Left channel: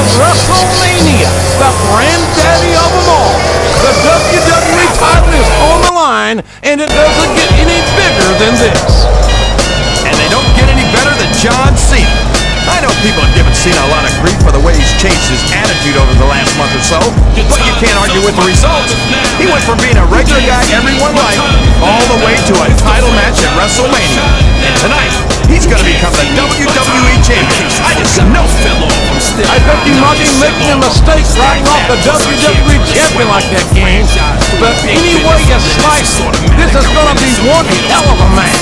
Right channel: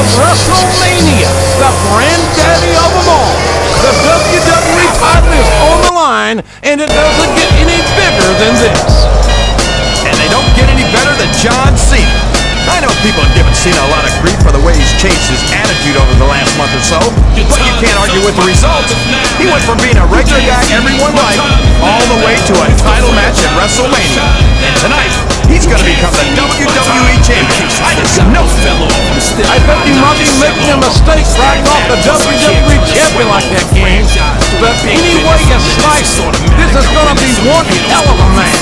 of Wrestlemania, the granddaddy of them all. The WWE title is on the line, and it doesn't get any bigger than this. And they don't get any better than John Cena. I know people have given Cena a lot of grief for the way he's changed his attitude over the last month or so, but you can't argue with the results. He went from being a regular guy everyone liked all the way to a title match at Wrestlemania. And tonight, he's going to become the WWE Champion. I just know. I bet you might be making a mistake writing off the WWE Champion like that, King. But any way you slice it, this is going to be one hell of a match.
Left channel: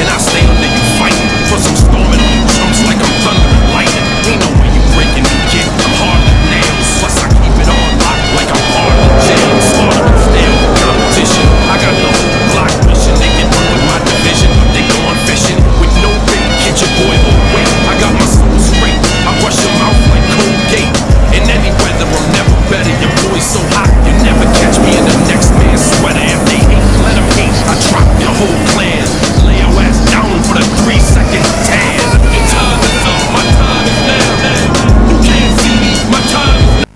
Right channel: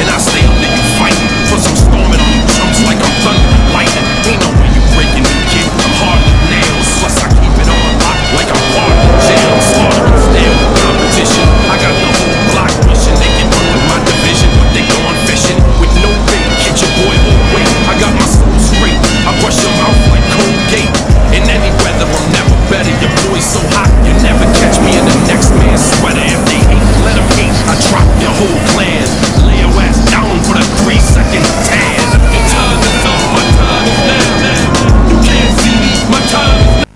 And I stay under you fighting for some storming on you chumps like I'm thunder and lightning. Ain't no way you breaking me, kid. I'm hard as nails. Plus I keep it on lock like I'm part of the jail. Slaughtering stale competition. I got the whole block wishing they can run with my division, but they going fishing with no bait. Get your boy away. I got my soul straight. I brush your mouth like Colgate. In any weather, I'm never better. Your boy's so hot, you never catch me in the next man's sweater. If they hate, let them hate. I drop your whole clan. Lay your ass down for the 3-second tan. Your time is up, my time is now. You can't see me, my time is now.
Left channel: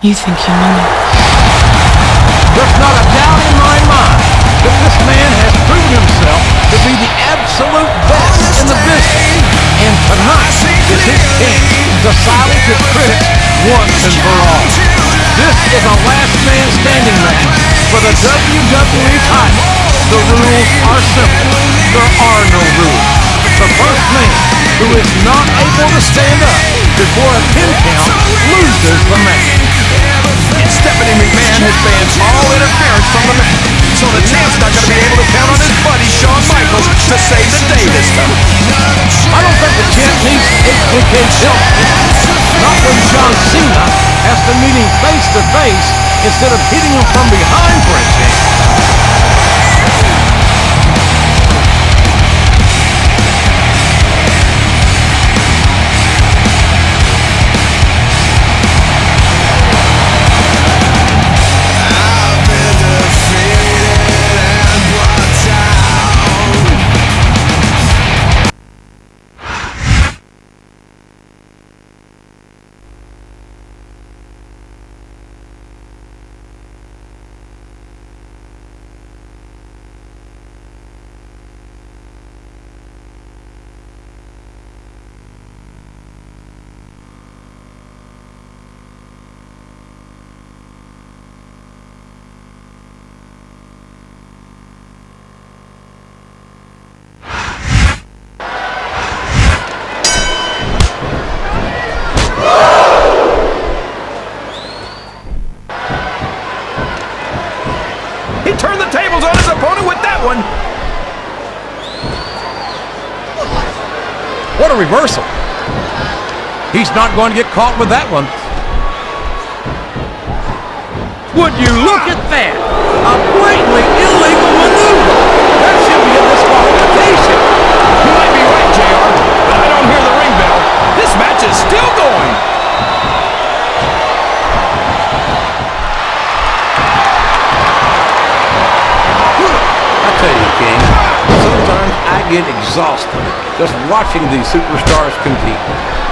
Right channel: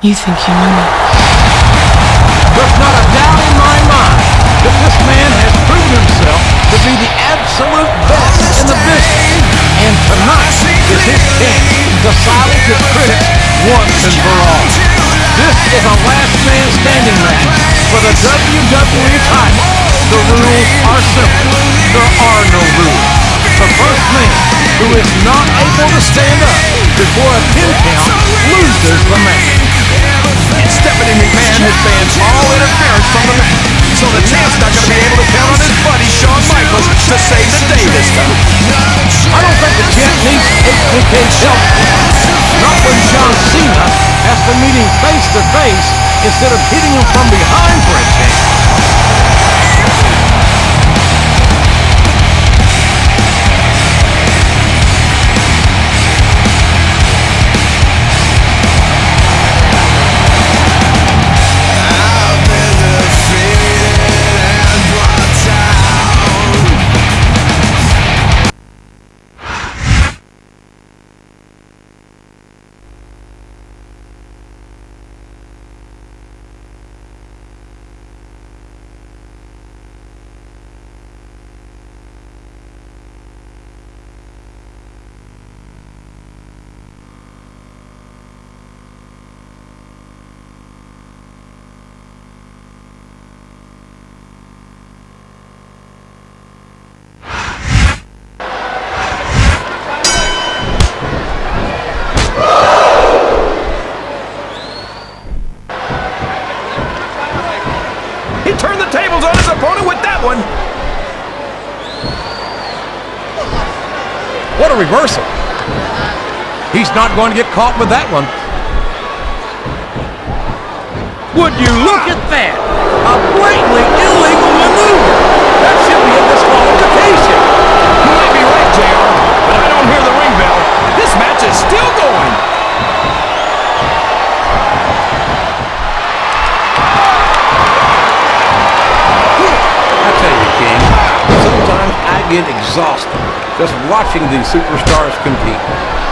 You think you know me? There's not a doubt in my mind that this man has proven himself to be the absolute best in the business. And tonight is his chance to silence his critics once and for all. This is a last man standing match for the WWE title. The rules are simple. There are no rules. The first man who is not able to stand up before a 10 count loses the match. And Stephanie McMahon has banned all interference from the match, so the champ's not going to be able to count on his buddy Shawn Michaels to save the day this time. I don't think the champ needs HBK's help. Not when John Cena has to meet him face to face instead of hitting him from behind for a change. He turned the tables on his opponent with that one. What a reversal. He's not going to get caught with that one. Would you look at that? A blatantly illegal maneuver. That should be a disqualification. You might be right, JR, but I don't hear the ring bell. This match is still going. I tell you, King, sometimes I get exhausted just watching these superstars compete.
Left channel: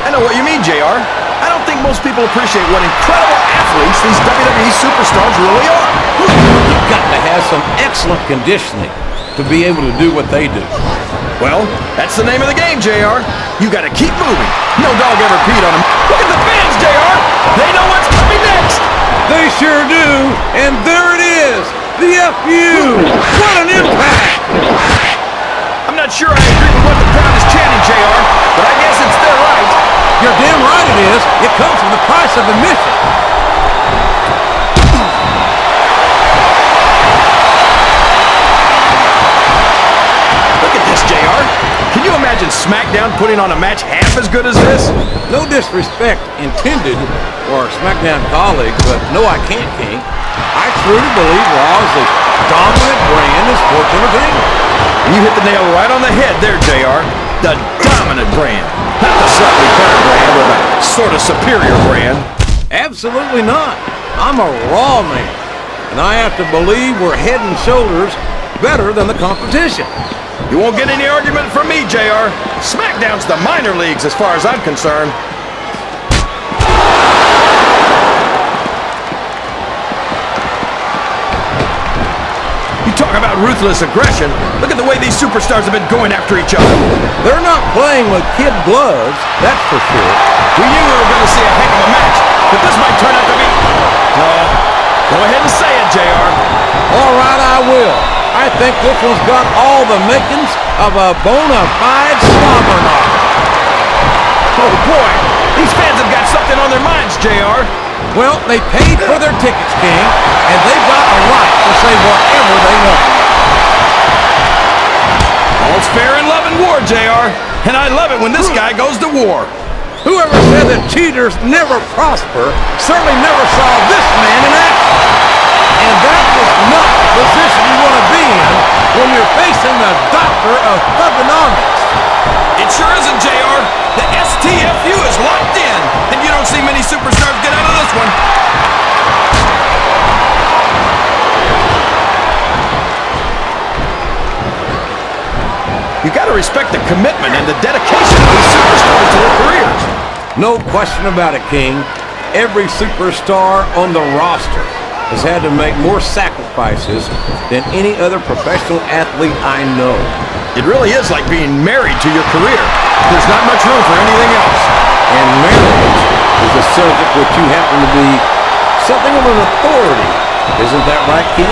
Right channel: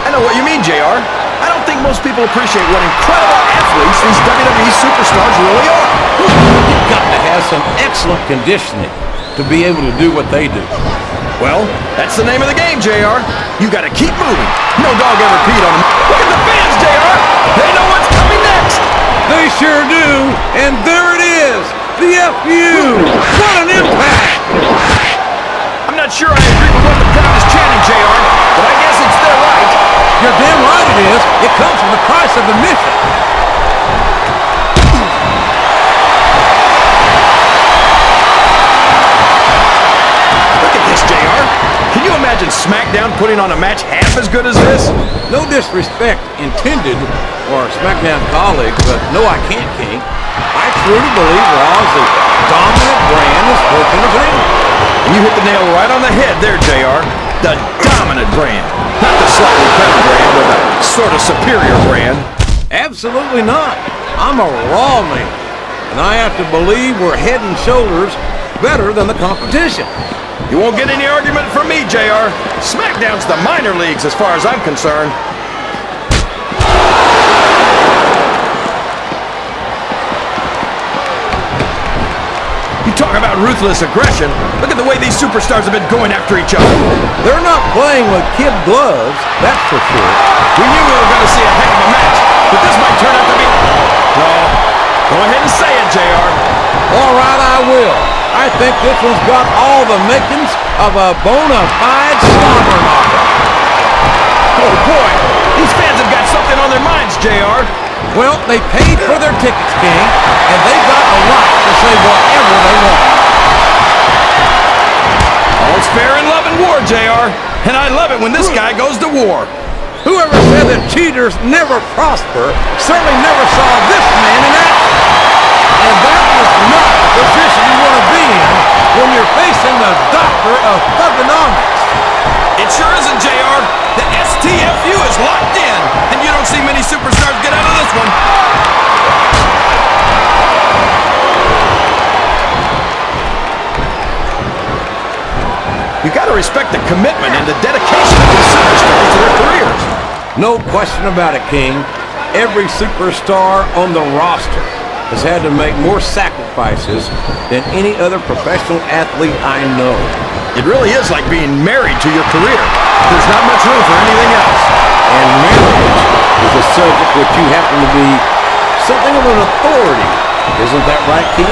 I know what you mean, JR. I don't think most people appreciate what incredible athletes these WWE superstars really are. You've got to have some excellent conditioning to be able to do what they do. Well, that's the name of the game, JR. You got to keep moving. No dog ever peed on him. Look at the fans, JR. They know what's coming next. They sure do. And there it is. The FU! What an impact! I'm not sure I agree with what the crowd is chanting, JR, but I guess it's their right. You're damn right it is. It comes with the price of admission. Look at this, JR. Can you imagine Smackdown putting on a match half as good as this? No disrespect intended for our Smackdown colleagues, but no, I can't, King. I truly believe Raw is the dominant brand in sports entertainment. And you hit the nail right on the head there, JR. The dominant brand. Not the slightly better brand or the sort of superior brand. Absolutely not. I'm a Raw man, and I have to believe we're head and shoulders better than the competition. You won't get any argument from me, JR. Smackdown's the minor leagues as far as I'm concerned. You talk about ruthless aggression. Look at the way these superstars have been going after each other. They're not playing with kid gloves, that's for sure. We knew we were going to see a heck of a match, but this might turn out to be... No. Go ahead and say it, JR. All right, I will. I think this one's got all the makings of a bona fide slobber knocker. Oh, boy. These fans have got something on their minds, JR. Well, they paid for their tickets, King, and they've got a right to say whatever they want. All's fair in love and war, JR. And I love it when this guy goes to war. Whoever said that cheaters never prosper certainly never saw this man in action. And that is not the position you want to be in when you're facing the doctor of thugonomics. It sure isn't, JR. The STFU is locked in, and you don't see many superstars get out of this one. You got to respect the commitment and the dedication of these superstars to their careers. No question about it, King. Every superstar on the roster has had to make more sacrifices than any other professional athlete I know. It really is like being married to your career. There's not much room for anything else. And marriage is a subject which you happen to be something of an authority. Isn't that right, King?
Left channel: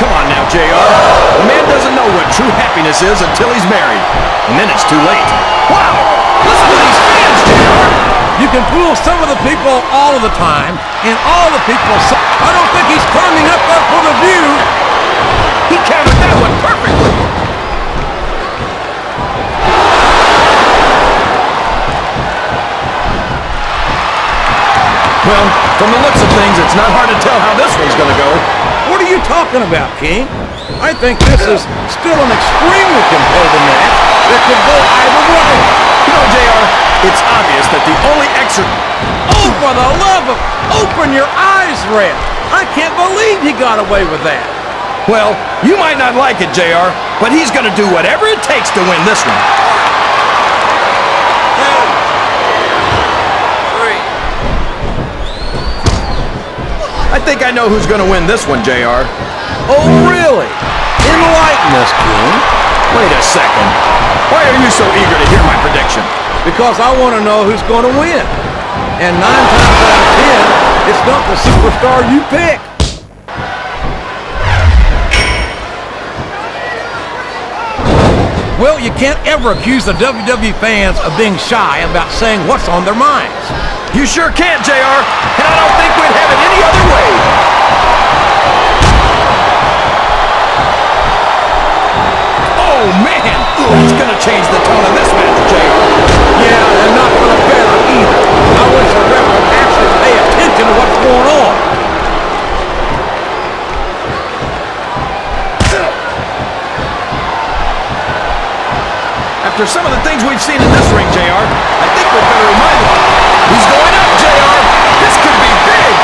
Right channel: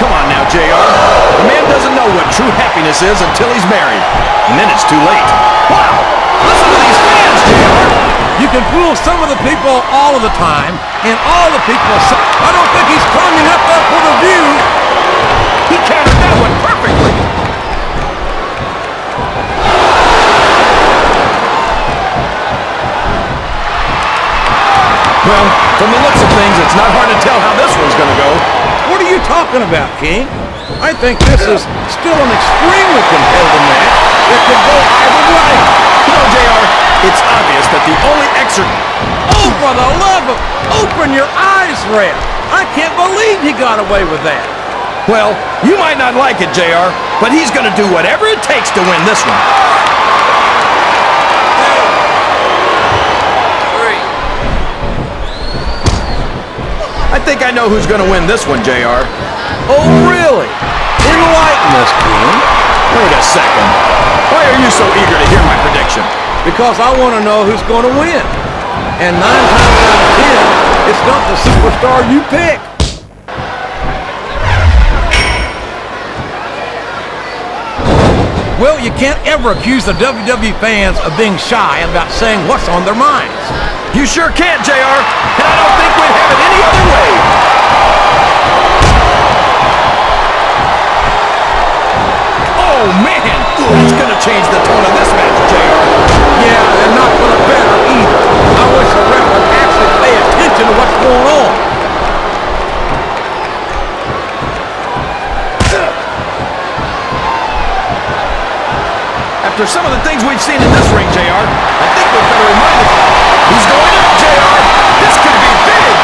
Come on now, JR. The man doesn't know what true happiness is until he's married. And then it's too late. Wow! Listen to these fans, JR! You can fool some of the people all of the time, and all the people... I don't think he's climbing up there for the view. He countered that one perfectly. Well, from the looks of things, it's not hard to tell how this one's going to go. What are you talking about, King? I think this is still an extremely competitive match that could go either way. You know, JR, it's obvious that the only extra... Oh, for the love of... Open your eyes, Ref. I can't believe he got away with that. Well, you might not like it, JR, but he's going to do whatever it takes to win this one. 1, 2, 3. I think I know who's going to win this one, JR. Oh, really? Enlighten us, King. Wait a second. Why are you so eager to hear my prediction? Because I want to know who's going to win. And 9 times out of 10, it's not the superstar you pick. Well, you can't ever accuse the WWE fans of being shy about saying what's on their minds. You sure can't, JR, and I don't think we'd have it any other way. Oh, man! That's gonna change the tone of this match, JR. Yeah, and not for the better either. I wish the ref would actually pay attention to what's going on. After some of the things we've seen in this ring, JR, I think we'd better remind him. He's going up, JR! This could be big!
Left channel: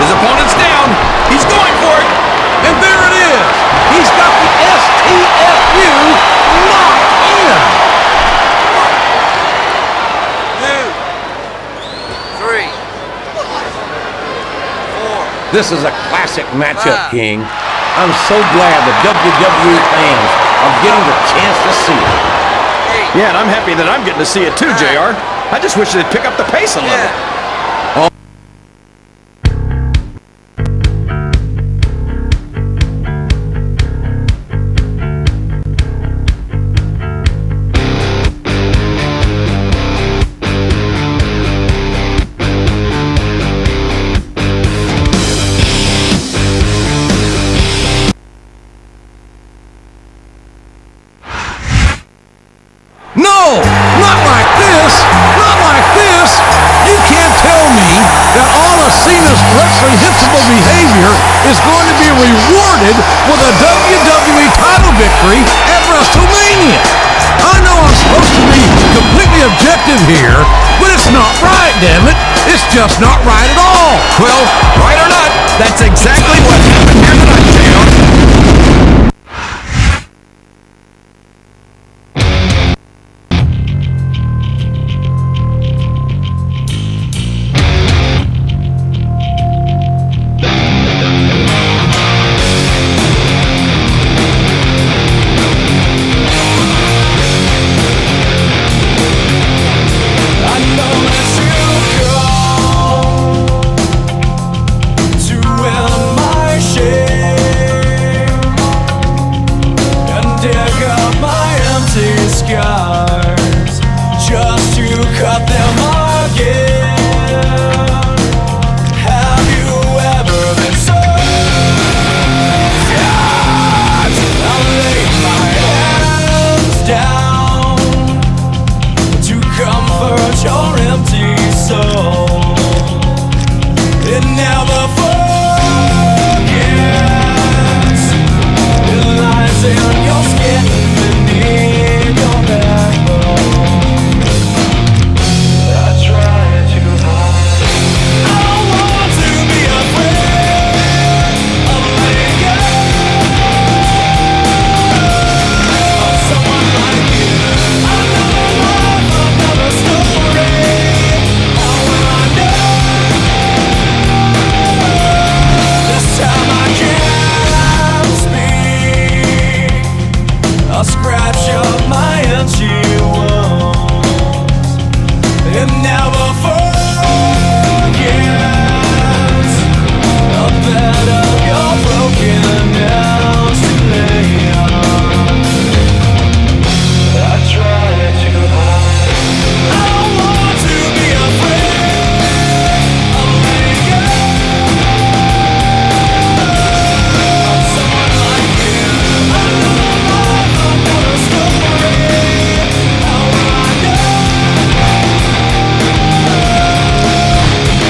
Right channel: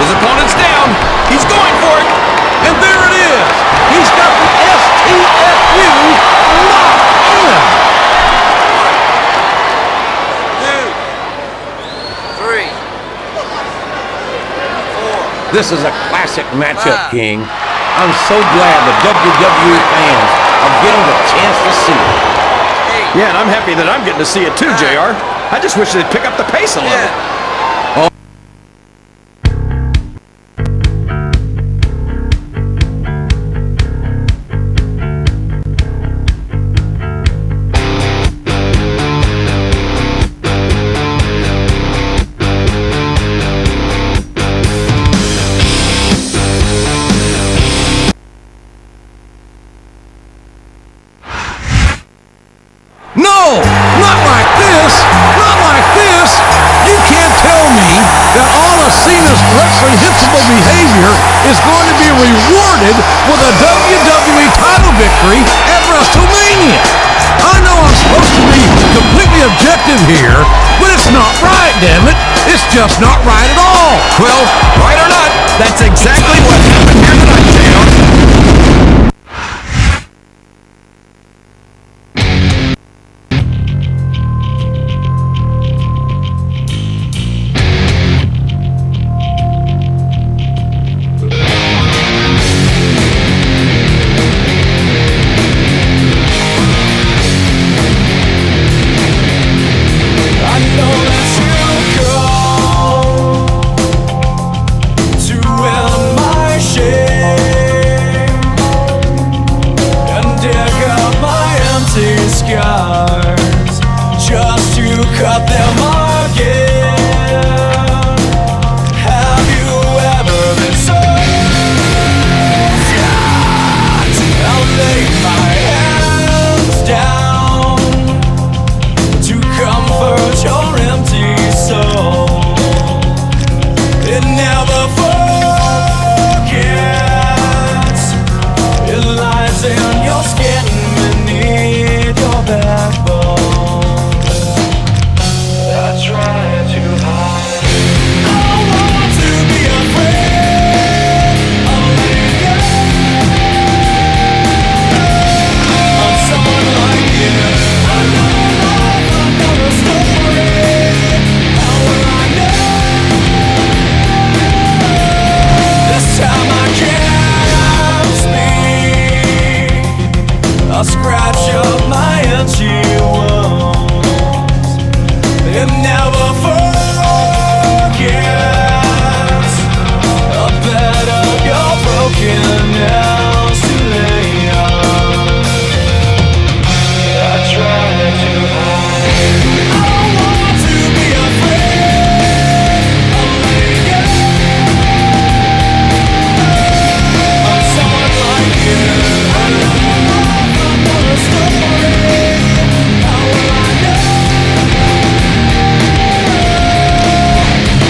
His opponent's down. He's going for it. And there it is. He's got the STFU locked in. 1, 2, 3, 4. This is a classic matchup, King. I'm so glad the WWE fans are getting the chance to see it. Yeah, and I'm happy that I'm getting to see it too, JR. I just wish they'd pick up the pace a little. No, not like this. Not like this. You can't tell me that all of Cena's reprehensible behavior is going to be rewarded with a WWE title victory at Wrestlemania. I know I'm supposed to be completely objective here, but it's not right, damn it. It's just not right at all. Well, right or not, that's exactly what happened here tonight, JR. I know that you come to end my shame and dig up my empty scars just to cut them again. Have you ever been so sad? I'll lay my hands down to comfort your empty soul. It never forgets. It lies in your skin beneath your backbone. I try to hide. I don't want to be afraid of letting go of someone like you. Another life, another story. How will I know? This time I can't speak. A scratch of my itchy wounds. It never forgets. A bed of your broken nails to lay on. I try to hide. I don't want to be afraid of letting go of someone like you. Another life, another story. How will I know?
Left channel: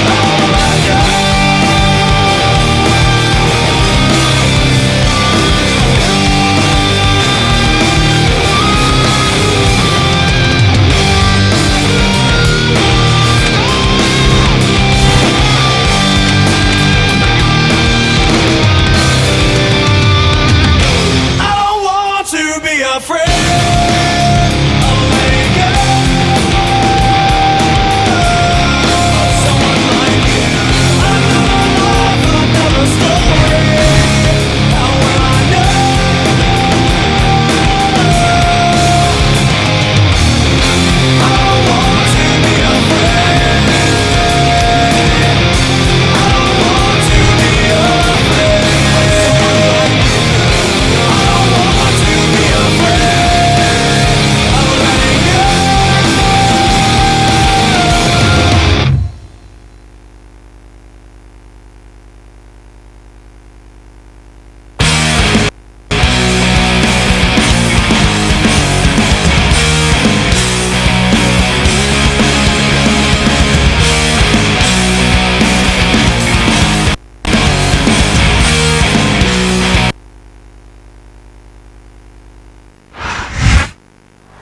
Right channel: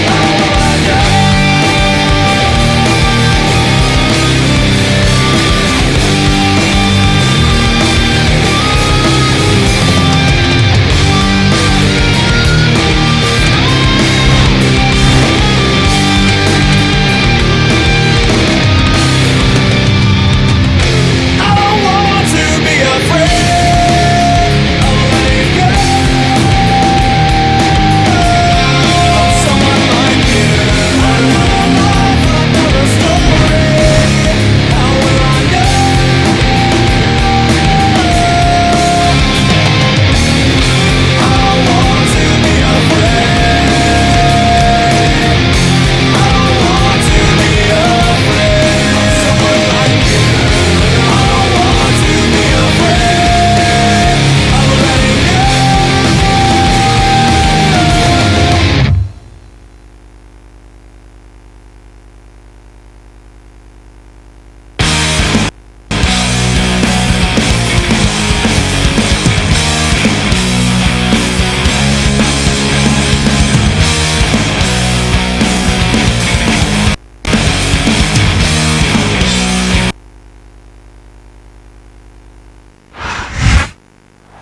How will I know? I don't want to be afraid of letting go of someone like you. Another life, another story. How will I know? I don't want to be afraid. I don't want to be afraid of someone like you. I don't want to be afraid of letting go.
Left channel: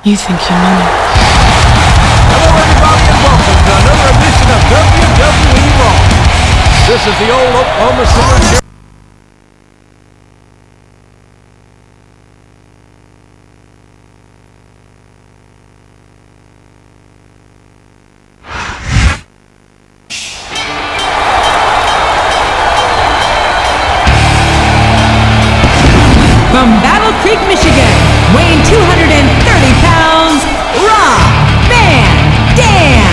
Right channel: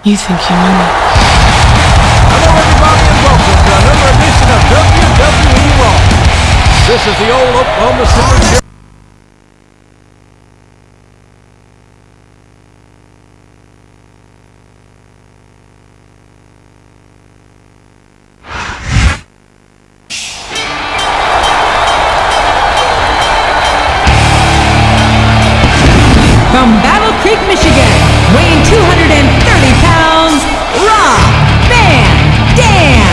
You think you know me? Hello, everybody, and welcome to another edition of WWE Raw. This is the old Oklahoma City. From Battle Creek, Michigan, weighing 230 pounds, Rob Van Dam.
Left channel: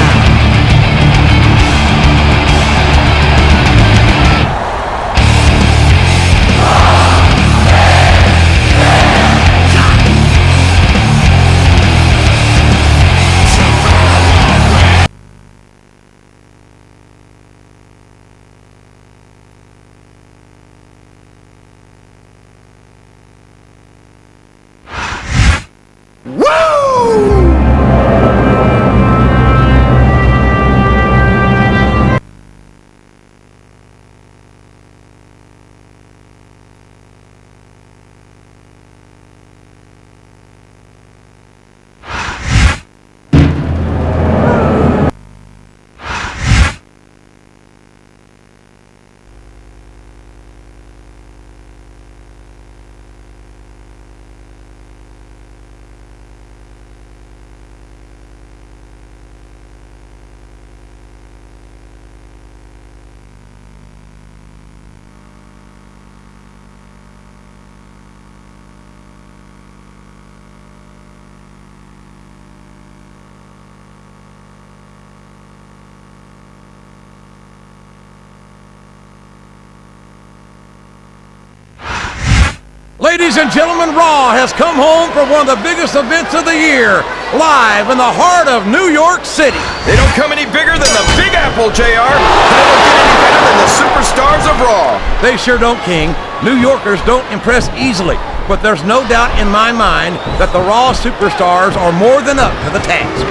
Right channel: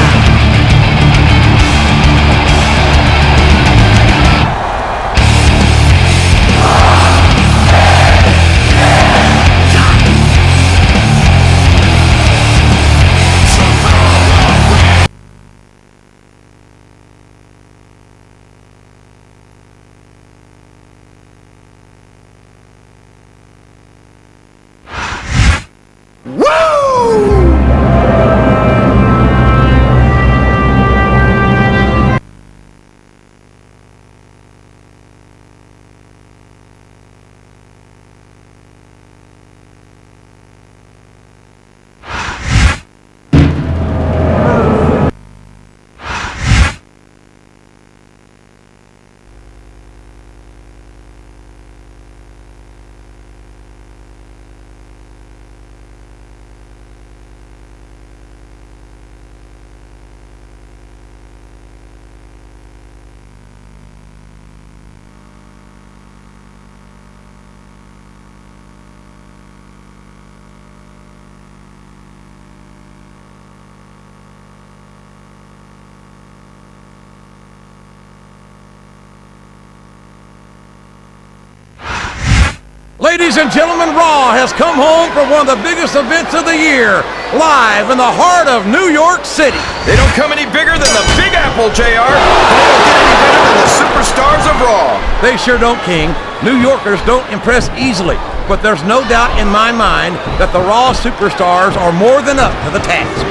Ladies and gentlemen, Raw has come home for one of the biggest events of the year, live in the heart of New York City. They don't come any bigger than the Big Apple, JR, and they don't get any better than the superstars of Raw. They sure don't, King. New Yorkers don't impress easily, but there's no doubt in my mind that the Raw superstars are more than up to the task.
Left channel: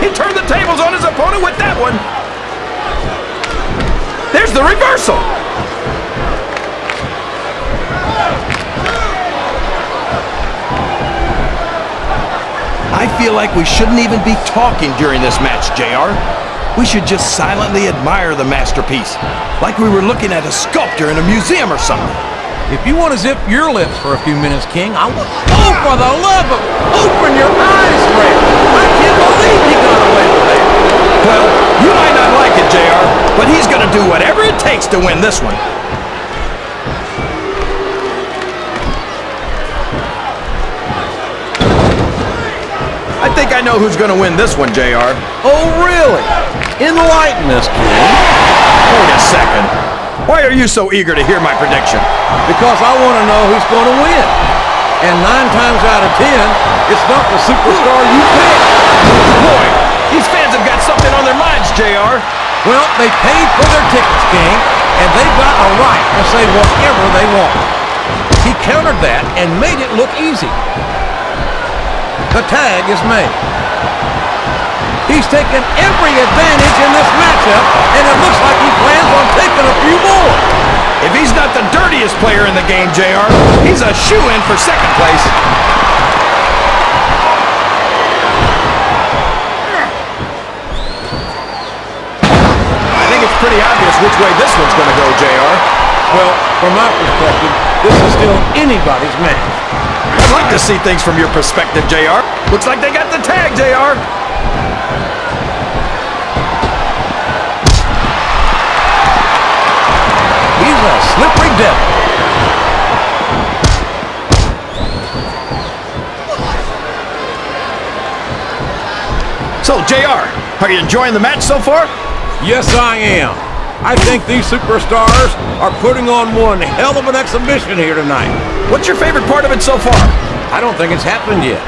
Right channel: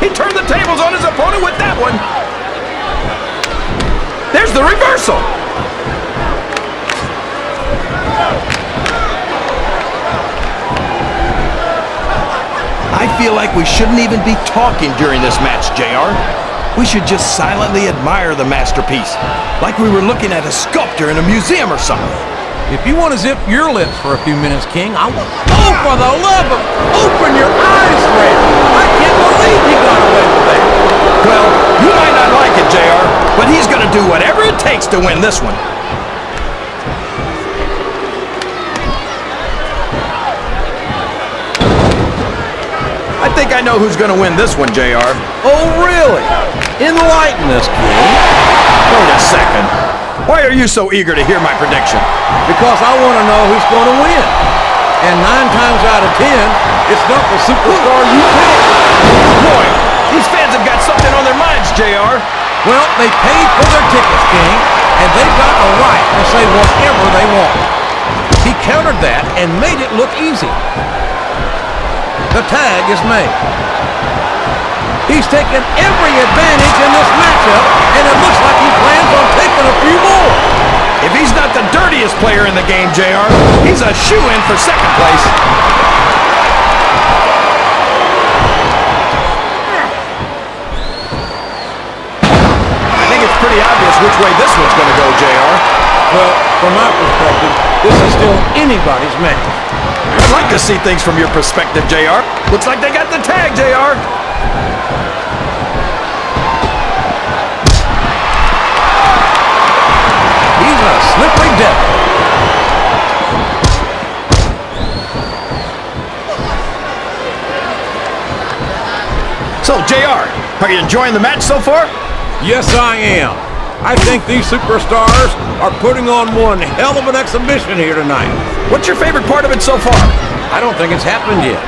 He turned the tables on his opponent with that one. There's the reversal. I feel like we shouldn't even be talking during this match, JR. We should just silently admire the masterpiece, like we were looking at a sculpture in a museum or something. If you want to zip your lips for a few minutes, King, I want... Oh, for the love of... Open your eyes, Red! I can't believe he got away with that! Well, you might not like it, JR, but he's going to do whatever it takes to win this one. I think I know who's going to win this one, JR. Oh, really? Enlighten us, King. Wait a second. Why are you so eager to hear my prediction? Because I want to know who's going to win. And 9 times out of 10, it's not the superstar you pick. Boy, these fans have got something on their minds, JR. Well, they paid for their tickets, King, and they've got a right to say whatever they want. He countered that and made it look easy. The tag is made. He's taken every advantage in this matchup, and it looks like he plans on taking a few more. If he's not the dirtiest player in the game, JR, he's a shoo-in for second place. I think it's pretty obvious which way this one's going to go, JR. Well, from my perspective, this is still anybody's match. I'd like to see things from your perspective, JR. Looks like they got the tag, JR. He's a slippery devil. So, JR, are you enjoying the match so far? Yes, I am. I think these superstars are putting on one hell of an exhibition here tonight. What's your favorite part of it so far? I don't think it's happened yet.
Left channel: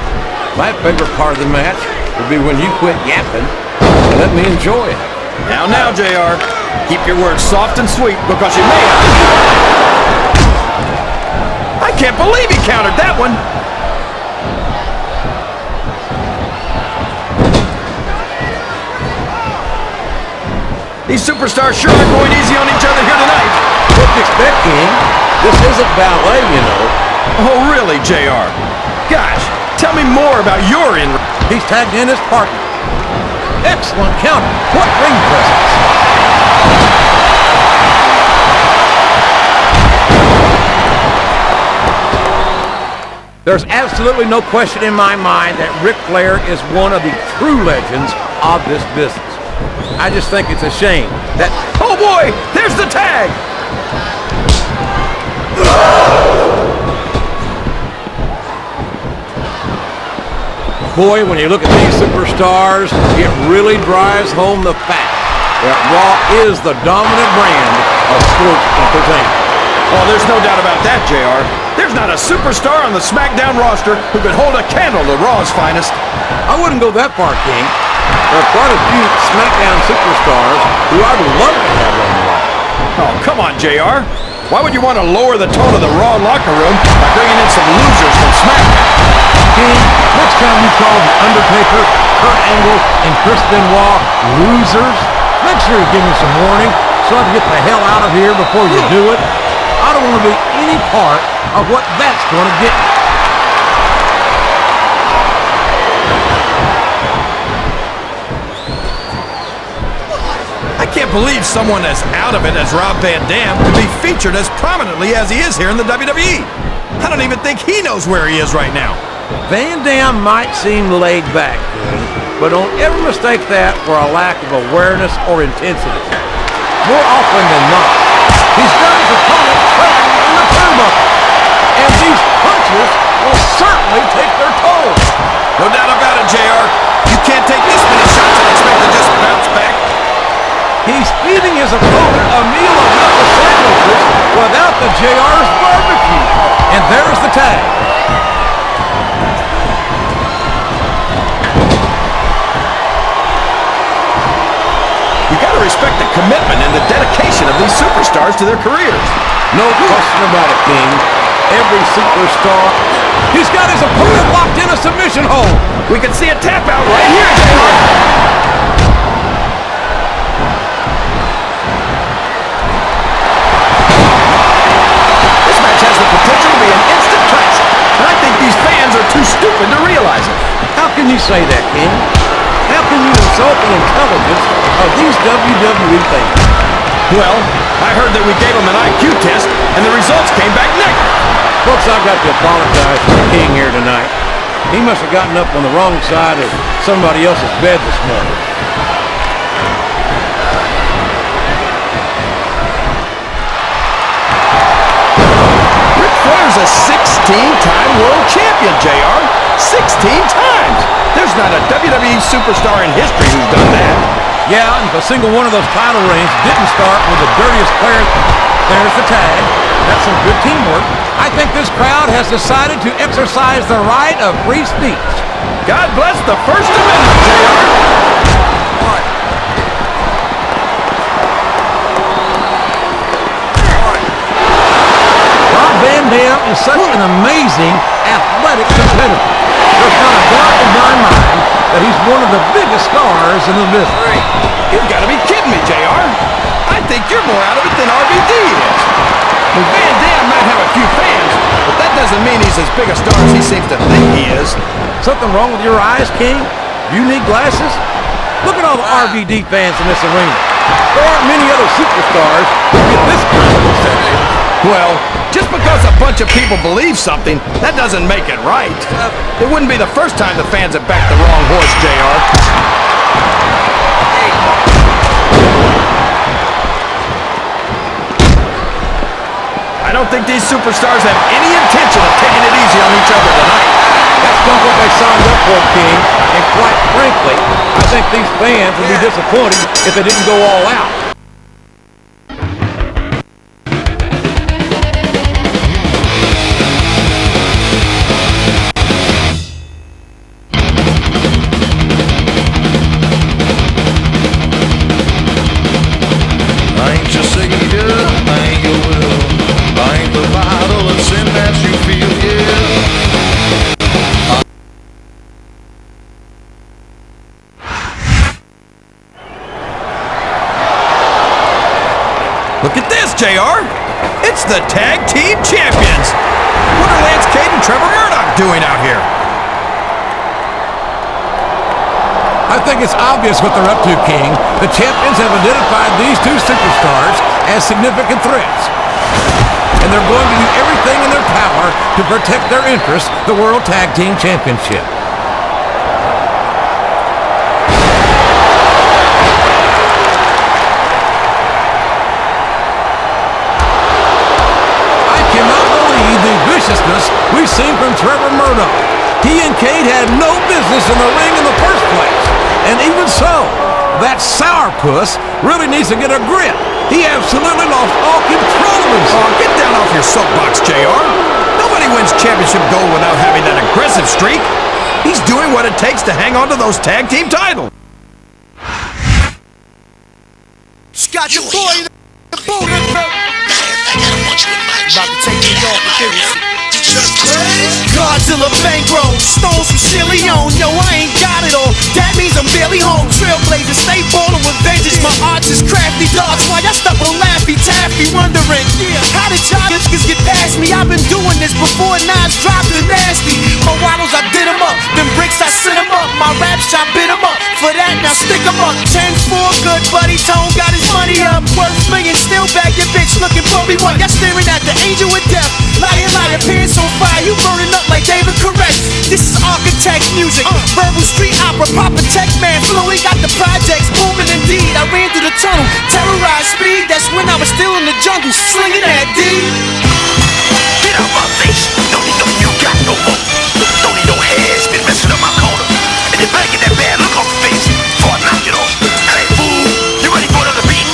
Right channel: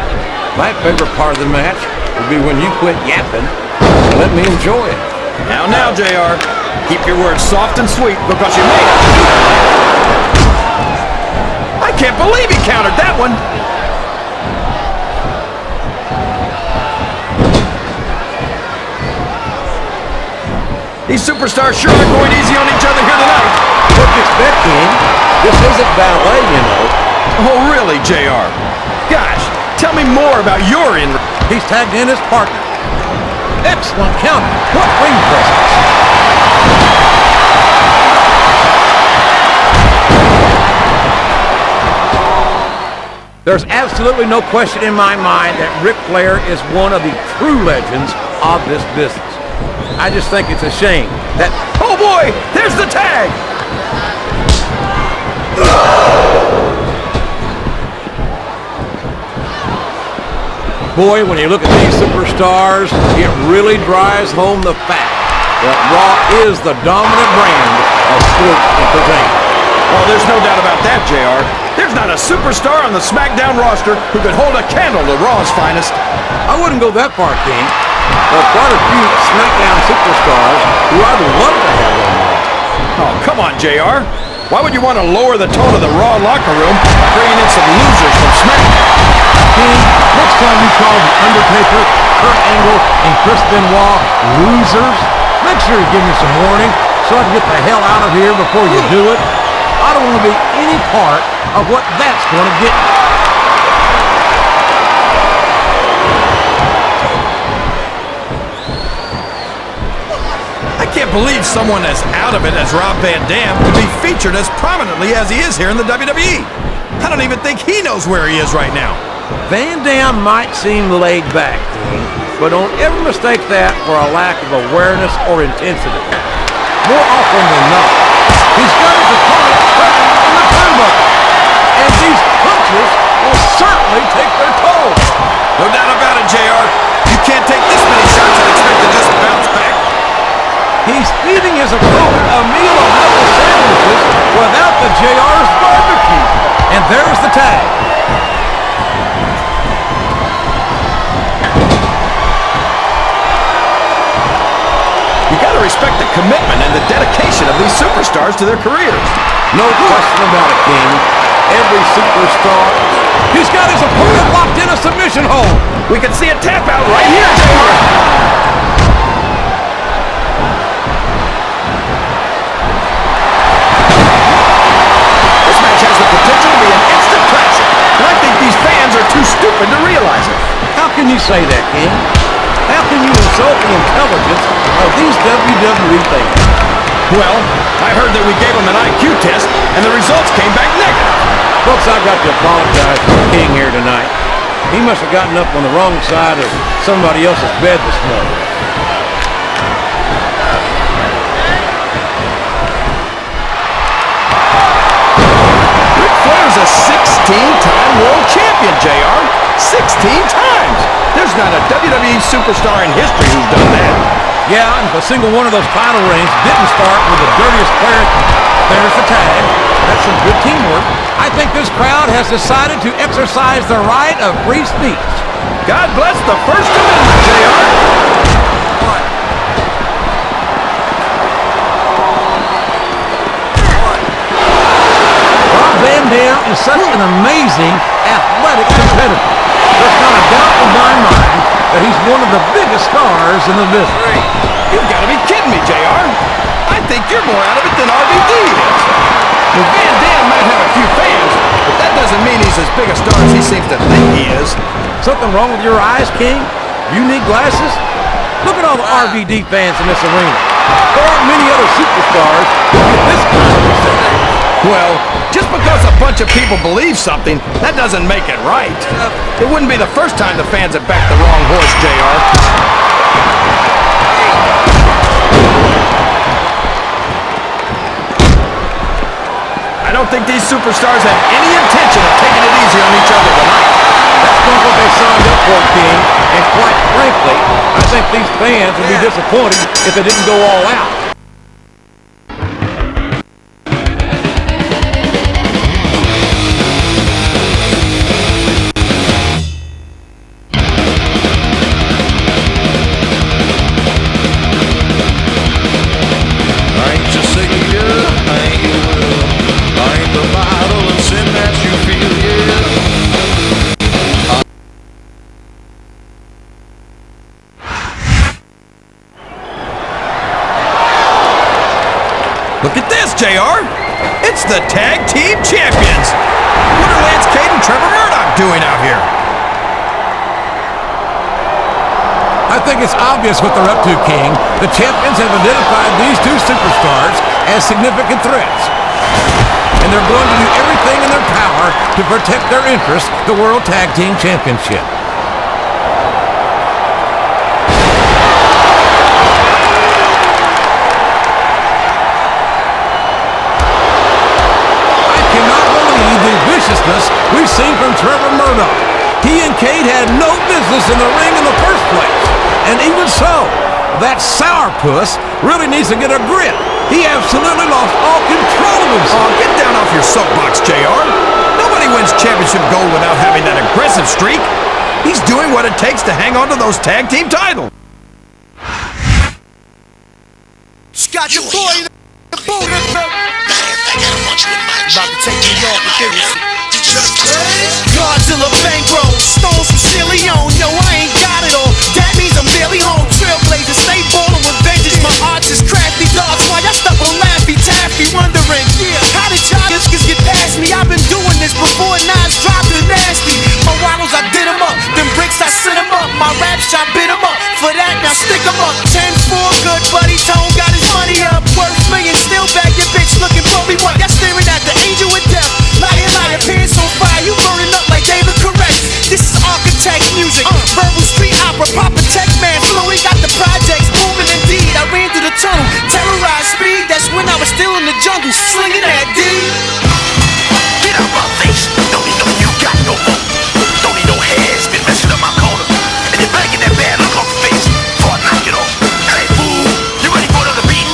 My favorite part of the match will be when you quit yapping and let me enjoy it. Now, JR. Keep your words soft and sweet because you may have to eat them later. I can't believe he countered that one. These superstars sure are going easy on each other here tonight. What do you expect, King? This isn't ballet, you know. Oh, really, JR? Gosh, tell me more about your in. He's tagged in his partner. Excellent counter. What ring presence. There's absolutely no question in my mind that Ric Flair is one of the true legends of this business. I just think it's a shame that... Oh boy, there's the tag! Boy, when you look at these superstars, it really drives home the fact that Raw is the dominant brand of sports entertainment. Oh, there's no doubt about that, JR. There's not a superstar on the Smackdown roster who could hold a candle to Raw's finest. I wouldn't go that far, King. There are quite a few Smackdown superstars who I'd love to have on Raw. Oh, come on, JR. Why would you want to lower the tone of the Raw locker room by bringing in some losers from Smackdown? King, next time you call The Undertaker, Kurt Angle, and Chris Benoit losers, make sure you give me some warning so I can get the hell out of here before you do it. I don't want to be any part of what that's going to get me. I can't believe someone as out of it as Rob Van Dam could be featured as prominently as he is here in the WWE. I don't even think he knows where he is right now. Van Dam might seem laid back, King, but don't ever mistake that for a lack of awareness or intensity. More often than not, he's got his opponent trapped in the turnbuckle, and these punches will certainly take their toll. No doubt about it, JR. You can't take this many shots and expect to just bounce back. He's feeding his opponent a meal of knuckle sandwiches without the JR's barbecue. And there's the tag. You got to respect the commitment and the dedication of these superstars to their careers. No question about it, King. Every superstar. He's got his opponent locked in a submission hold. We can see a tap out right here, JR. This match has the potential to be an instant classic, and I think these fans are too stupid to realize it. How can you say that, King? How can you insult the intelligence of these WWE fans? Well, I heard that we gave them an IQ test, and the results came back negative. Folks, I've got to apologize for the King here tonight. He must have gotten up on the wrong side of somebody else's bed this morning. Ric Flair's a 16-time world champion, JR. 16 times! There's not a WWE superstar in history who's done that. Yeah, and if a single one of those title reigns didn't start with the dirtiest player, there's the tag. That's some good teamwork. I think this crowd has decided to exercise the right of free speech. God bless the First Amendment, JR. Rob Van Dam is such an amazing athletic competitor. There's not a doubt in my mind that he's one of the biggest stars in the business. You've got to be kidding me, JR. I think you're more out of it than RVD is. Van Dam might have a few fans, but that doesn't mean he's as big a star as he seems to think he is. Something wrong with your eyes, King? You need glasses? Look at all the RVD fans in this arena. There aren't many other superstars who get this kind of reception. Well, just because a bunch of people believe something, that doesn't make it right. It wouldn't be the first time the fans have backed the wrong horse, JR. I don't think these superstars have any intention of taking it easy on each other tonight. That's not what they signed up for, King. And quite frankly, I think these fans would be disappointed if they didn't go all out. I ain't your savior, I ain't your will. I ain't the bottle of sin that you feel, yeah. Look at this, JR. It's the Tag Team Champions. What are Lance Cade and Trevor Murdoch doing out here? I think it's obvious what they're up to, King. The champions have identified these two superstars as significant threats. And they're going to do everything in their power to protect their interests, the World Tag Team Championship. I cannot believe the viciousness we've seen from Trevor Murdoch. He and Cade had no business in the ring in the first place. And even so, that sourpuss really needs to get a grip. He absolutely lost all control of himself. Oh, get down off your soapbox, JR. Nobody wins championship gold without having that aggressive streak. He's doing what it takes to hang on to those tag team titles. Scott, your boy, the boot is about to take me off with this. Godzilla bankroll, stones from Leone. Yo, I ain't got it all. That means I'm barely home. Trailblazer, stay ballin' with vengeance. My arts is crafty dogs. Why y'all stuck on Laffy Taffy, wondering, how did y'all niggas get past me? I've been doing this before Nas dropped the nasty. My waddles, I did 'em up. Them bricks, I sent 'em up. My raps, I bit 'em up. For that, now stick 'em up. 10-4, good buddy. Tone got his money up. Worth millions, still bag your bitch looking for me. What? Y'all staring at the angel with death. Liar, liar, pants on fire. You burning up like David Correct. This is architect music. Verbal street opera, proper tech man. Fluid got the projects booming indeed. I ran through the tunnel, terrorized speed. That's when I was still in the jungle, slinging that D. Get out my face. Don't need no you got no more. Don't need no hairs. Been messing up my corner. And you're better get that bad look off your face before I knock it off. Hey, fool. You ready for another beating?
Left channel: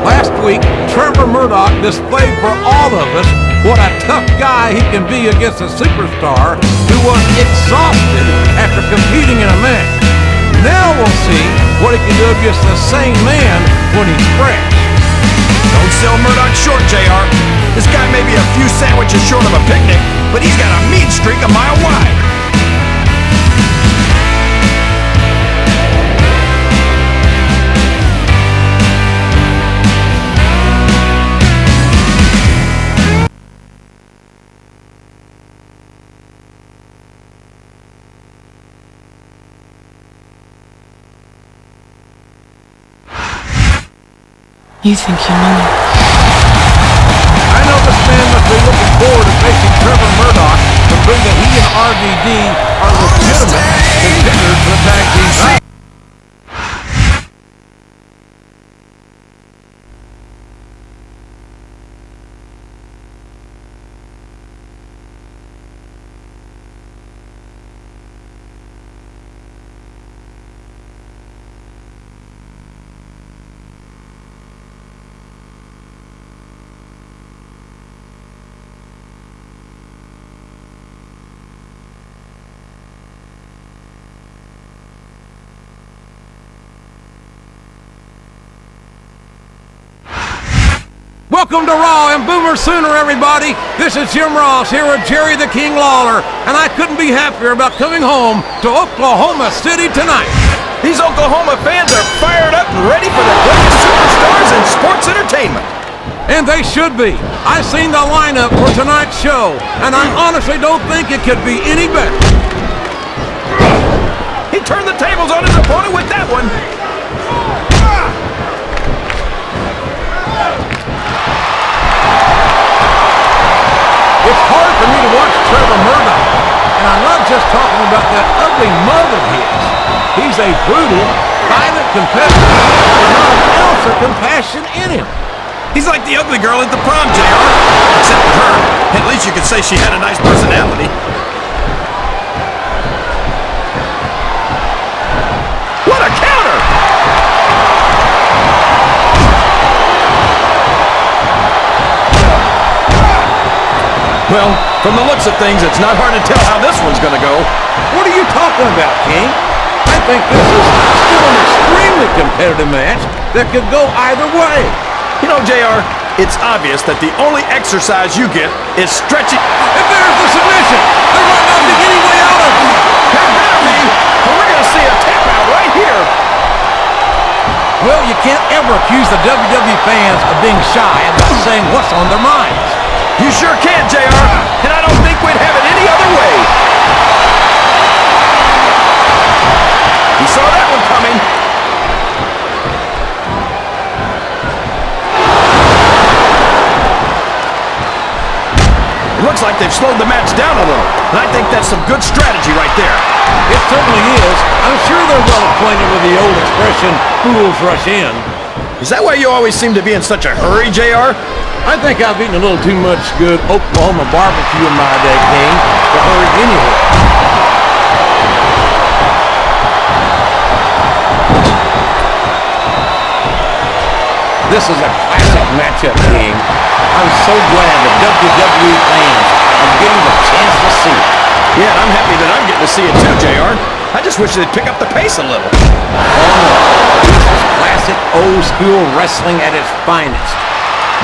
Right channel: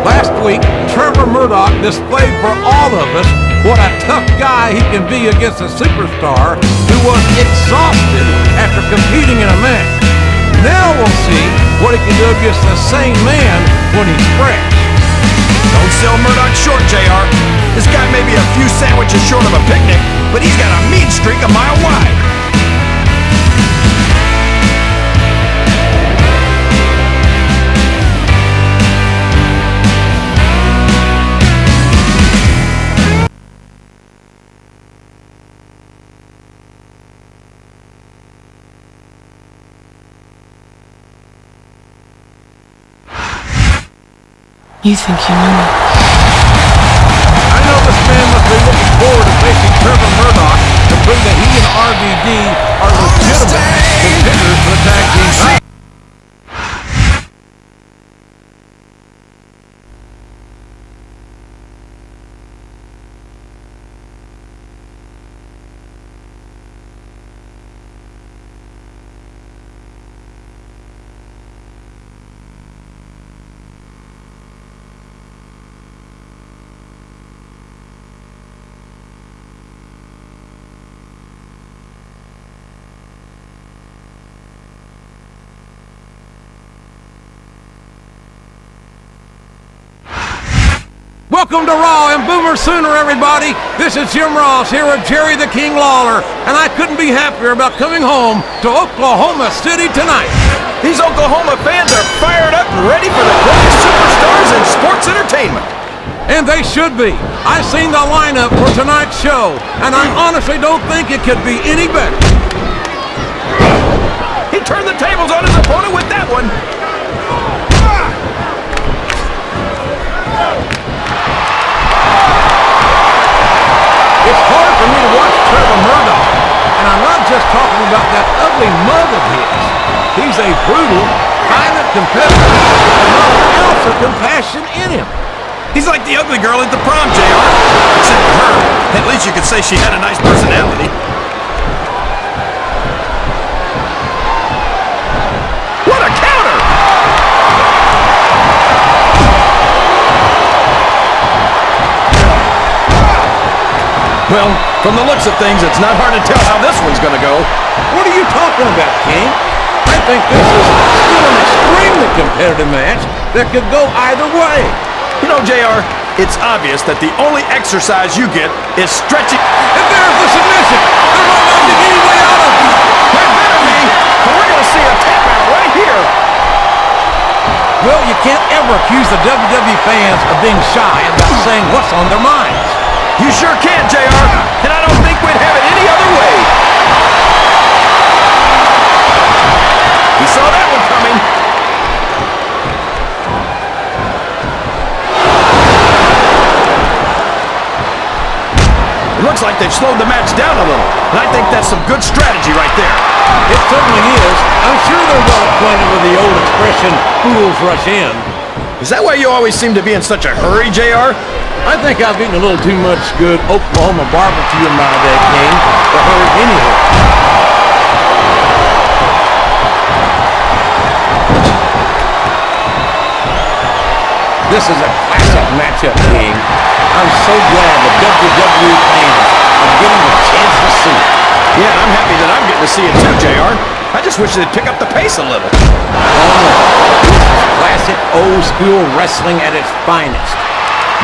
Last week, Trevor Murdoch displayed for all of us what a tough guy he can be against a superstar who was exhausted after competing in a match. Now we'll see what he can do against the same man when he's fresh. Don't sell Murdoch short, JR. This guy may be a few sandwiches short of a picnic, but he's got a mean streak a mile wide. You think you know me? I know this man must be looking forward to facing Trevor Murdoch to prove that he and RVD are legitimate contenders for the tag team title. Welcome to Raw and Boomer Sooner, everybody. This is Jim Ross here with Jerry the King Lawler, and I couldn't be happier about coming home to Oklahoma City tonight. These Oklahoma fans are fired up and ready for the greatest superstars in sports entertainment. And they should be. I've seen the lineup for tonight's show, and I honestly don't think it could be any better. He turned the tables on his opponent with that one. It's hard for me to watch Trevor Murdoch, and I'm not just talking about that ugly mug of his. He's a brutal, violent competitor with not an ounce of compassion in him. He's like the ugly girl at the prom, JR. Except with her, at least you could say she had a nice personality. What a counter! Well, from the looks of things, it's not hard to tell how this one's gonna go. What are you talking about, King? I think this is still an extremely competitive match that could go either way. You know, JR, it's obvious that the only exercise you get is stretching. If there's the submission, there might not be any way out of it. There better be, or we're gonna see a tap out right here. Well, you can't ever accuse the WWE fans of being shy about saying what's on their minds. You sure can, JR, and I don't think we'd have it any other way. He saw that one coming. It looks like they've slowed the match down a little, and I think that's some good strategy right there. It certainly is. I'm sure they're well acquainted with the old expression, fools rush in. Is that why you always seem to be in such a hurry, JR? I think I've eaten a little too much good Oklahoma barbecue in my day, King, to hurry anywhere. This is a classic matchup, King. I'm so glad the WWE fans are getting the chance to see it. Yeah, and I'm happy that I'm getting to see it too, JR. I just wish they'd pick up the pace a little. Oh no, this is classic old school wrestling at its finest.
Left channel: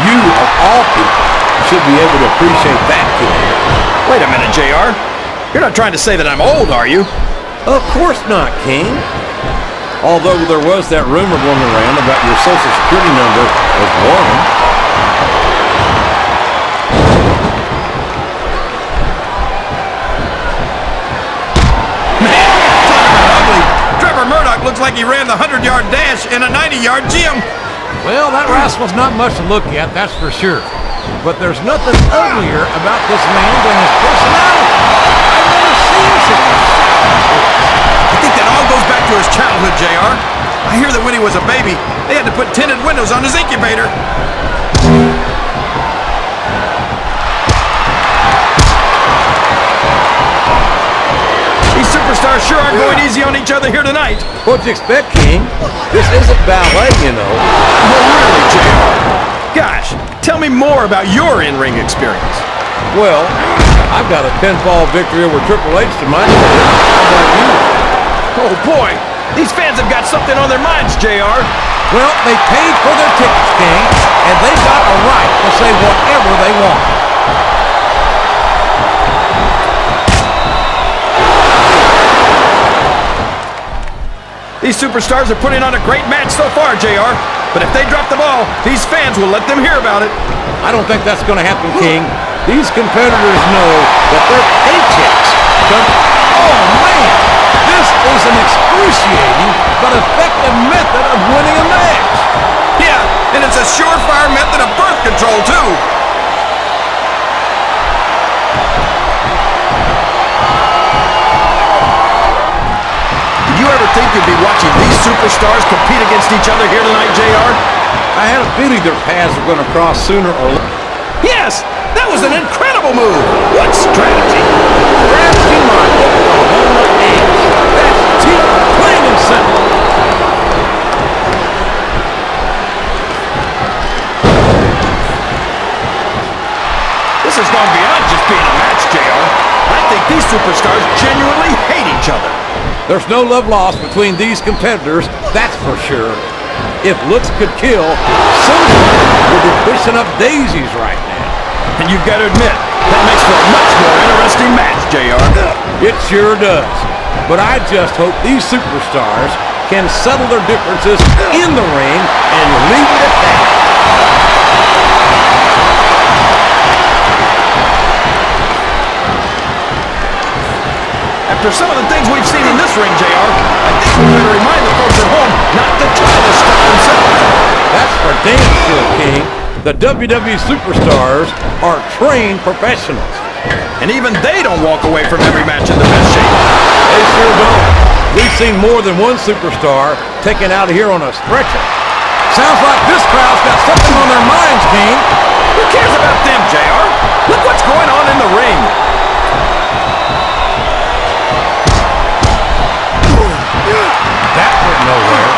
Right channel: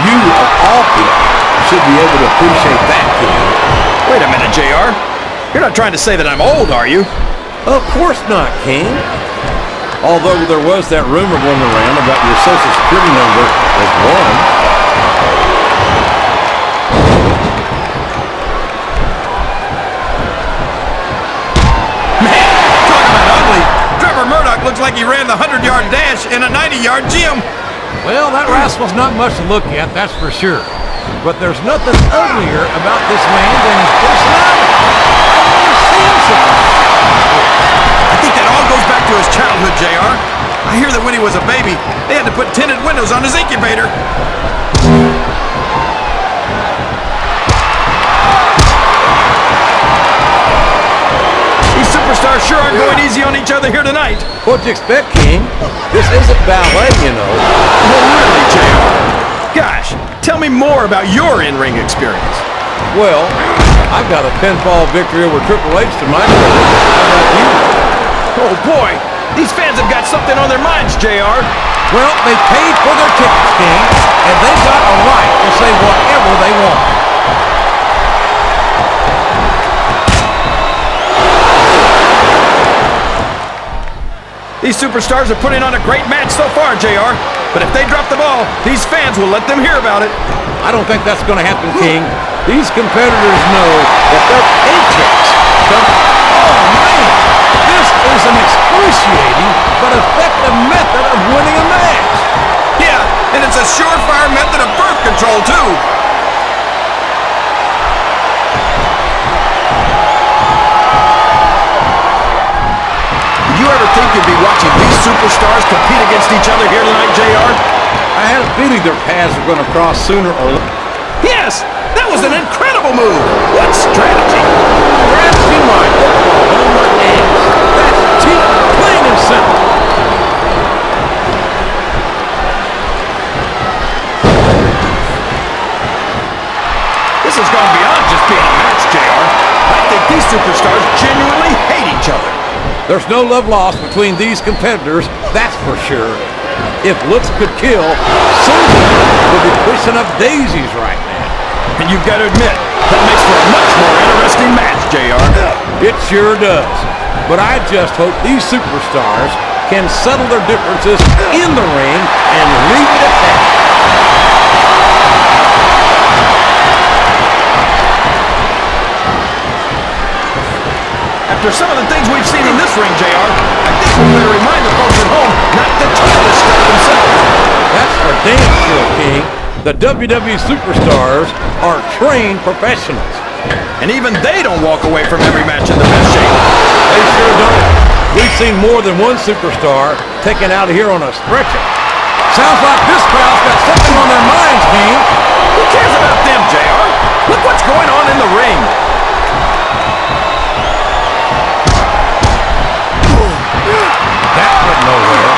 You, of all people, should be able to appreciate that, King. Wait a minute, JR. You're not trying to say that I'm old, are you? Of course not, King. Although there was that rumor going around about your social security number as one. Man, talk about ugly. Trevor Murdoch looks like he ran the 100-yard dash in a 90-yard gym. Well, that rascal's not much to look at, that's for sure. But there's nothing uglier about this man than his personality. I've never seen such a shouting voice. I think that all goes back to his childhood, JR. I hear that when he was a baby, they had to put tinted windows on his incubator. He's super superstars sure aren't going easy on each other here tonight. What'd you expect, King? This isn't ballet, you know. Oh, really, JR? Gosh, tell me more about your in-ring experience. Well, I've got a pinfall victory over Triple H to my credit. How about you? Oh, boy. These fans have got something on their minds, JR. Well, they paid for their tickets, King, and they've got a right to say whatever they want. These superstars are putting on a great match so far, JR. But if they drop the ball, these fans will let them hear about it. I don't think that's going to happen, King. These competitors know that their paychecks come... Oh, man! This is an excruciating but effective method of winning a match. Yeah, and it's a surefire method of birth control, too. Did you ever think you'd be watching these superstars compete against each other here tonight, JR? I had a feeling their paths were going to cross sooner or later. Yes, that was an incredible move. What strategy? Strategy, my Oklahoma ass. That's cheap, plain and simple. This has gone beyond just being a match, JR. I think these superstars genuinely hate each other. There's no love lost between these competitors, that's for sure. If looks could kill, Susan would be pushing up daisies right now. And you've got to admit, that makes for a much more interesting match, JR. It sure does. But I just hope these superstars can settle their differences in the ring and leave it at that. After some of the things we've seen in this ring, JR, I think we better remind the folks at home not to try this stuff themselves. That's for damn sure, King. The WWE superstars are trained professionals. And even they don't walk away from every match in the best shape. They sure don't. We've seen more than one superstar taken out of here on a stretcher. Sounds like this crowd's got something on their minds, King. Who cares about them, JR? Look what's going on in the ring. That went nowhere.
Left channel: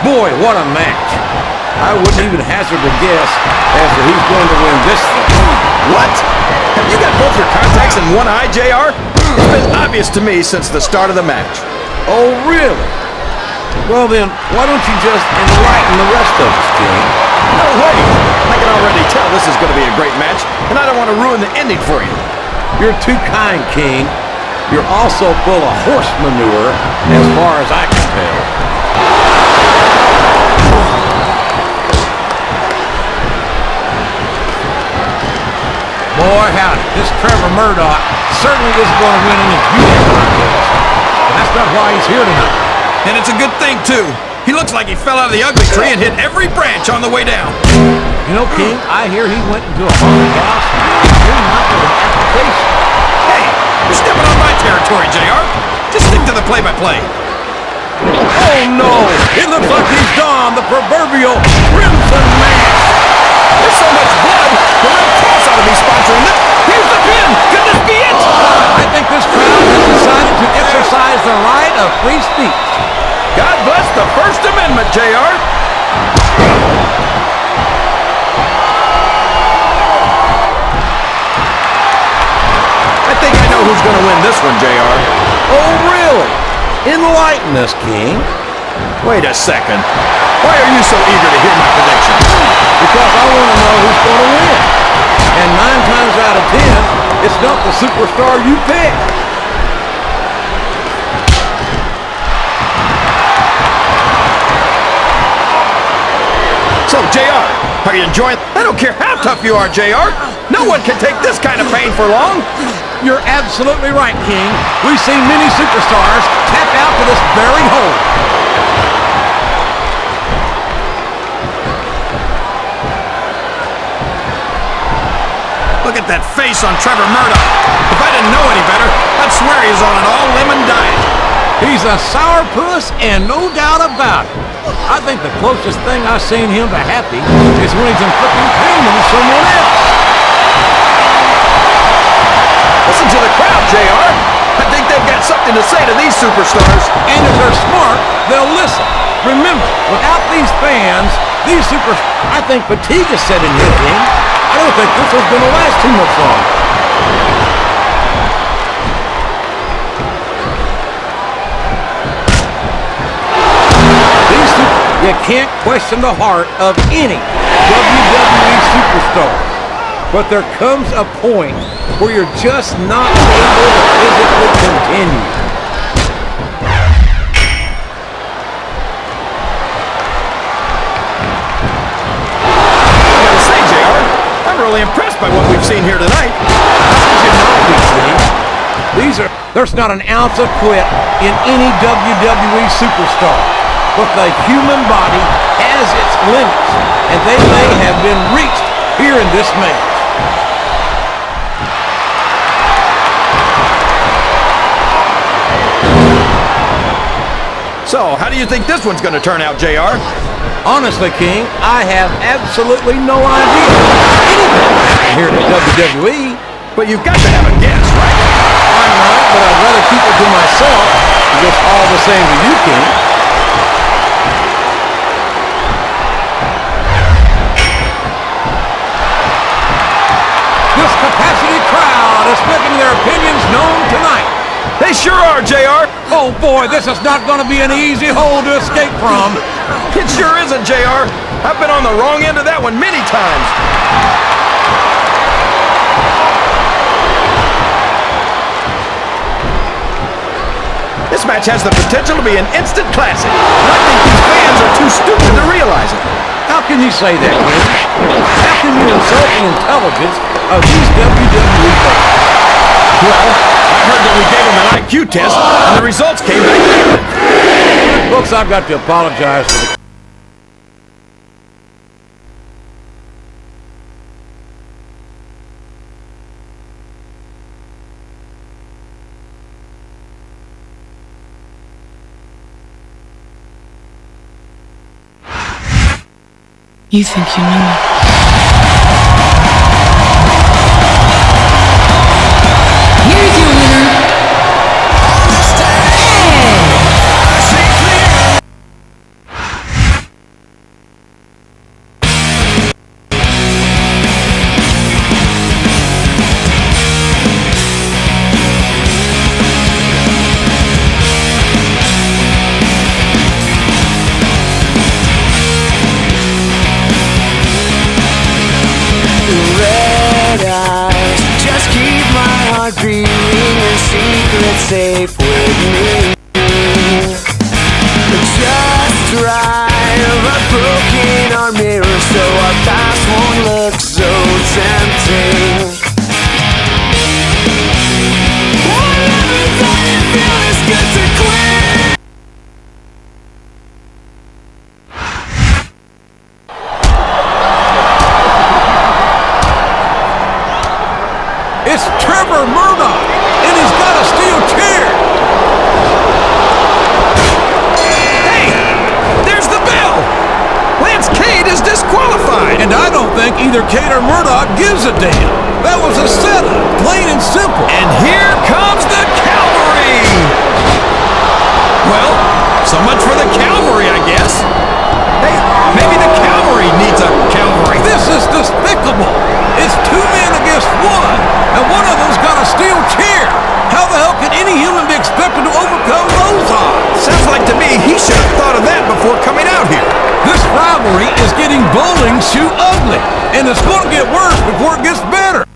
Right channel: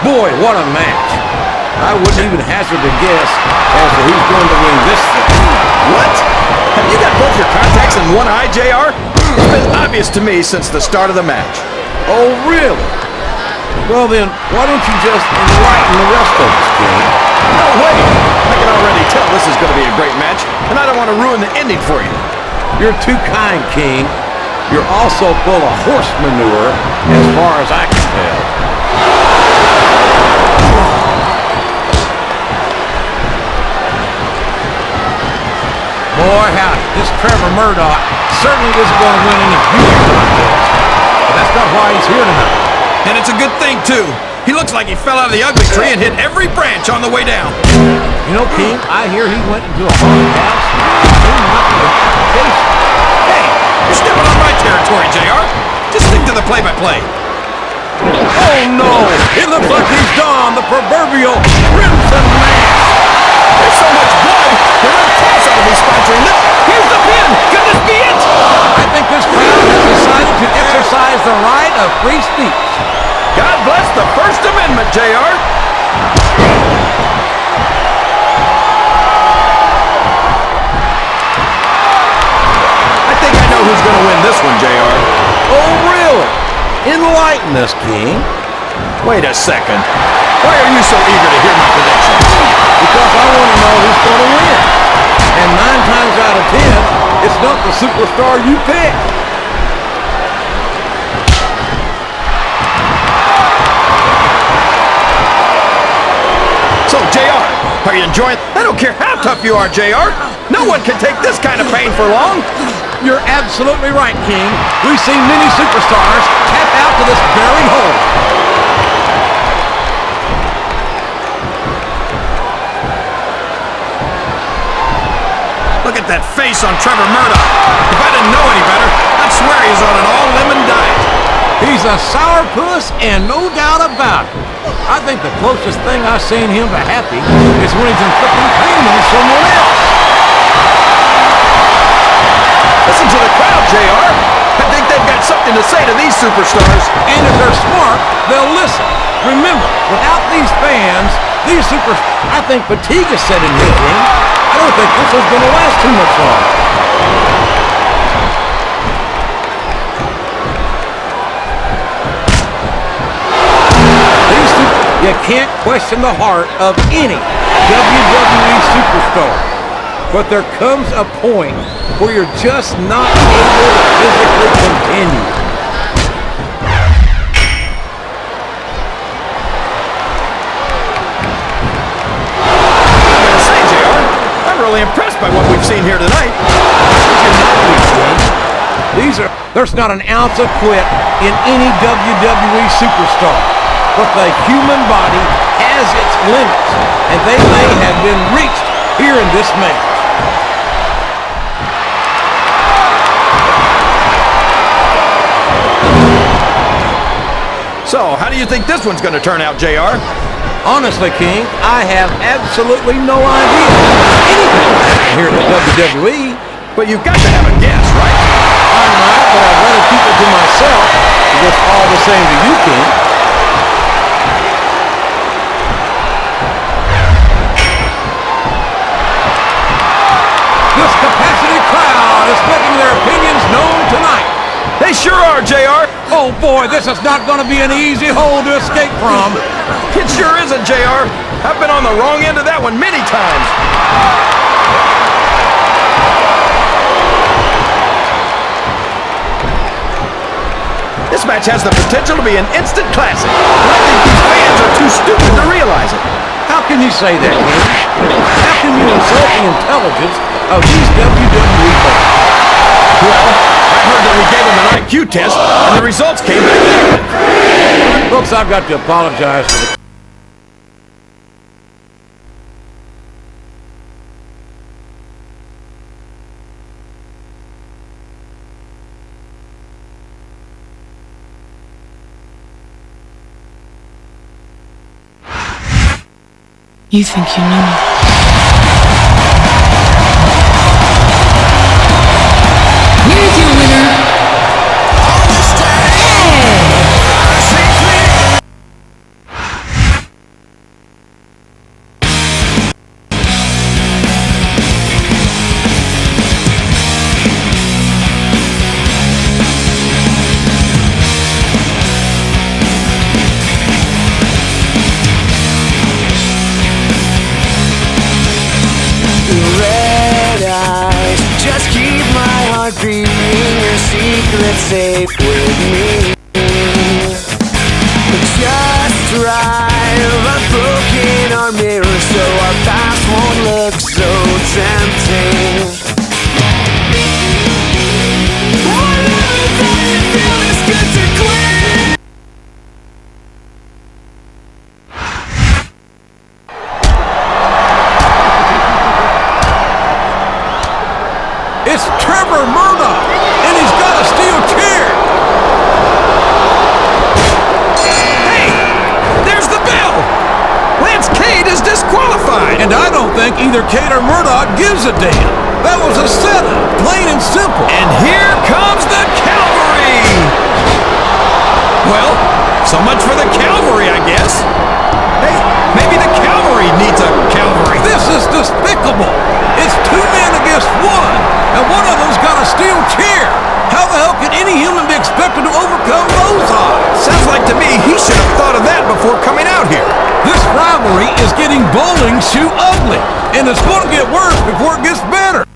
Boy, what a match. I wouldn't even hazard a guess as to who's going to win this thing. What? Have you got both your contacts in one eye, JR? It's been obvious to me since the start of the match. Oh, really? Well then, why don't you just enlighten the rest of us, King? No way! I can already tell this is going to be a great match, and I don't want to ruin the ending for you. You're too kind, King. You're also full of horse manure, as far as I can tell. Boy, howdy, this Trevor Murdoch certainly isn't going to win any beauty contest. But that's not why he's here tonight. And it's a good thing, too. He looks like he fell out of the ugly tree and hit every branch on the way down. You know, King, I hear he went into a haunted house and came out with an application. Hey, you're stepping on my territory, JR. Just stick to the play-by-play. Oh, no! It looks like he's donned the proverbial crimson mask. There's so much blood, the Red Cross ought to be sponsoring this. Here's the pin. Could this be it? I think this crowd has decided to exercise the right of free speech. God bless the First Amendment, JR. I think I know who's going to win this one, JR. Oh, really? Enlighten us, King. Wait a second. Why are you so eager to hear my prediction? Because I want to know who's going to win. And 9 times out of 10, it's not the superstar you pick. So, JR, are you enjoying... I don't care how tough you are, JR. No one can take this kind of pain for long. You're absolutely right, King. We've seen many superstars tap out to this very hole. Look at that face on Trevor Murdoch. If I didn't know any better, I'd swear he's on an all-lemon diet. He's a sourpuss and no doubt about it. I think the closest thing I've seen him to happy is when he's inflicting pain on someone else. Listen to the crowd, JR. I think they've got something to say to these superstars. And if they're smart, they'll listen. Remember, without these fans, I think fatigue is setting in, King. I don't think this is going to last too much longer. You can't question the heart of any WWE superstar. But there comes a point where you're just not able to physically continue. I gotta say, JR, I'm really impressed by what we've seen here tonight. How could you not be, King? There's not an ounce of quit in any WWE superstar. But the human body has its limits, and they may have been reached here in this match. So, how do you think this one's going to turn out, JR? Honestly, King, I have absolutely no idea. Anything can happen here at WWE. But you've got to have a guess, right? I might, but I'd rather keep it to myself. It's all the same to you, King. This capacity crowd is making their opinions known tonight. They sure are, JR. Oh boy, this is not going to be an easy hole to escape from. It sure isn't, JR. I've been on the wrong end of that one many times. This match has the potential to be an instant classic, and I think these fans are too stupid to realize it. How can you say that, King? How can you insult the intelligence of these WWE fans? Well, I heard that we gave them an IQ test, and the results came back negative. Folks, I've got to apologize for the... You think you know me. Here's your winner, Red eyes, just keep my heart beating, your secret safe with me. Just drive a broken our mirror so our past won't look so tempting. I never thought it'd feel this good to quit. It's Trevor Murdoch, and he's got a steel chair. Hey, there's the bell. Lance Cade is disqualified. And I don't think either Cade or Murdoch gives a damn. That was a setup, plain and simple. And here comes the cavalry. Well, so much for the cavalry, I guess. Hey, maybe the cavalry needs a cavalry. This is despicable. It's two men against one, and one of them's got a steel chair. How the hell can any human be expected to overcome those odds? Sounds like to me he should have thought of that before coming out here. This rivalry is getting bowling shoe ugly, and it's going to get worse before it gets better.